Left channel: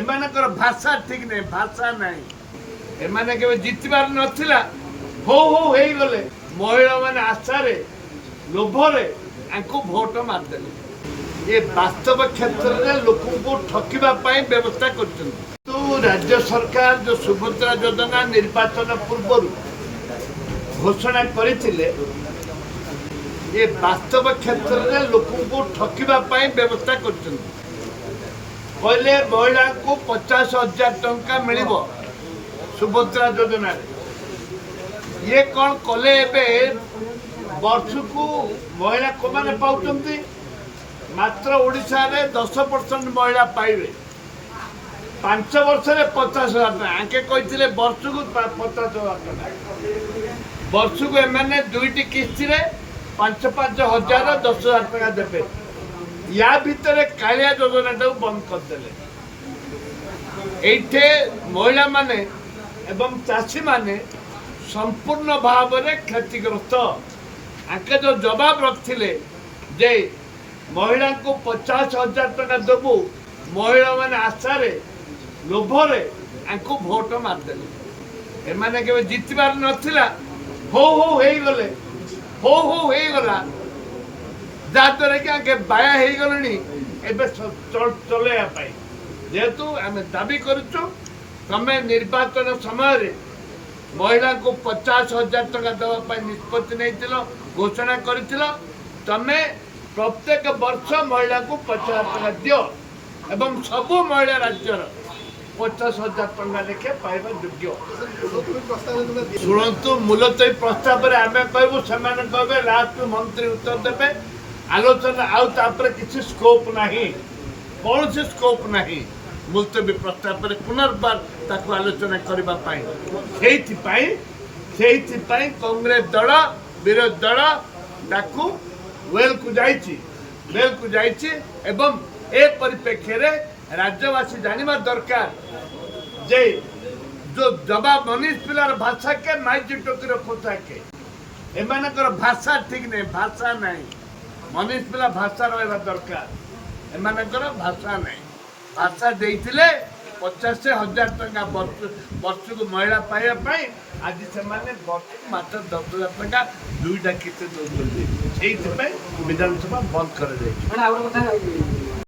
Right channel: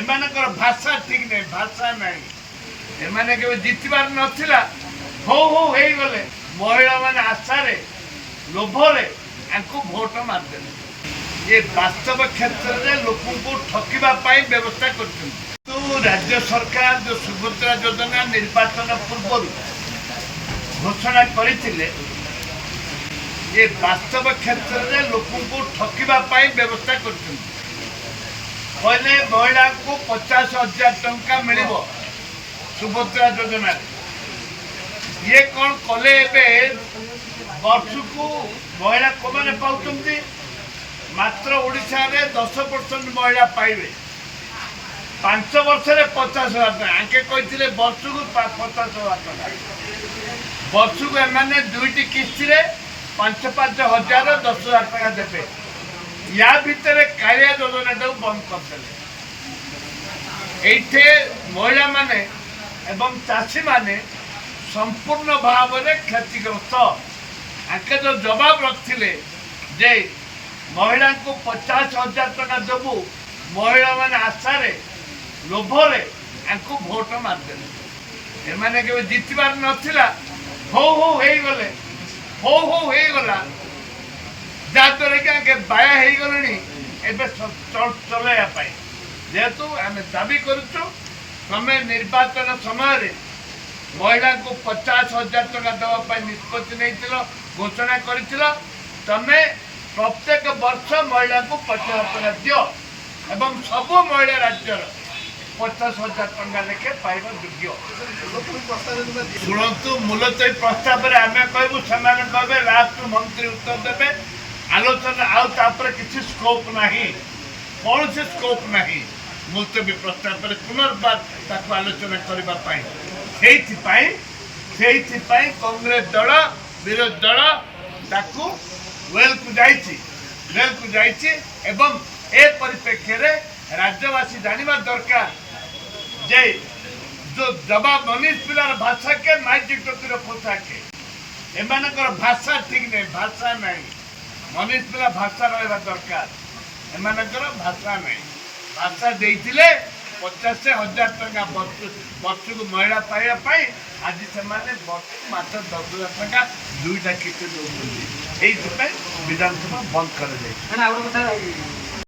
एमानकर भाषा ठीक नहीं भाषा नहीं एमाने केबे जितबार नथिला हो हे गले महिला माने आशारे लोभरे आंको वोट मारदेले ये वास्तव क्षेत्र में लोकों को ठकिबा पाई व्यवस्था करछन तो राज्य सरकार जो सुभद्रा योजना निर्वाचन पूर्व घोषणा करथिले ये वास्तव क्षेत्र में लोकों को ठकिबा पाई व्यवस्था करछन पहले महिला को 50,000 टंका मिलिबो सुभद्रा योजना ये कौन कले वर्ष को महिला को माने पाउछंती मात्र ओडिशा रे 10% महिला पाइबे 5 वर्ष रे 50,000 टका आके कहिथिले वर्ष को 50,000 टका वर्ष को एमाने दुईटी किस्ती रे 5,000 10,000 टका देबे या भितर कालिया योजना बंद करदेले एठे महिला माने एवं चाषी माने संपूर्ण भाव में क्षतिग्रस्त आके जो जवाब रखिले जे महिला को 50,000 टका देबू महिला माने आशारे लोभरे आंको वोट मारदेले एमाने केबे जितबार नथिला हो हे गले हो हे गला जाद्वारा कि आगे बाया हो गले चलैया जेहेतु आम दाबी करुचु तमें निर्वाचन समय महिला को 50,000 टका देवाई निष्पत्ति नहीं घोषणा कर तमें प्रत्येक वर्ष महिला को 50,000 टका दियो एवं सबू महिला राज्यर 50,000 टका लेखे पाइबा योग्य शुणु मूलतः प्रस्ताव आम कहूँ से लास्ट मंत्री उत्तर देवे आलोचना आउे किसी स्कोप नहीं कौन से स्कोप नहीं मुलतवी प्रस्ताव पुनर्बार ताकू आलोचना करने कांग्रेस दल विरोधी दल ताकू वेल को जाइए एवं ए परिप्रेक्षी राज्यवासी जानवा दरकार जे जो जवाब मनीष पिलार भाषा के माइजी टोकीर पोशाके एमानकर भाषा ठीक नहीं भाषा नहीं मनीष पिला भाषा रहा दरकार एमानकर भाषा नहीं भाषा देइथिले 50,000 टका वर्ष को महिला पाइबाई आज से वर्ष को मात्र 10,000 टका दुईटा किस्त दौरान विधानसभा बंद कर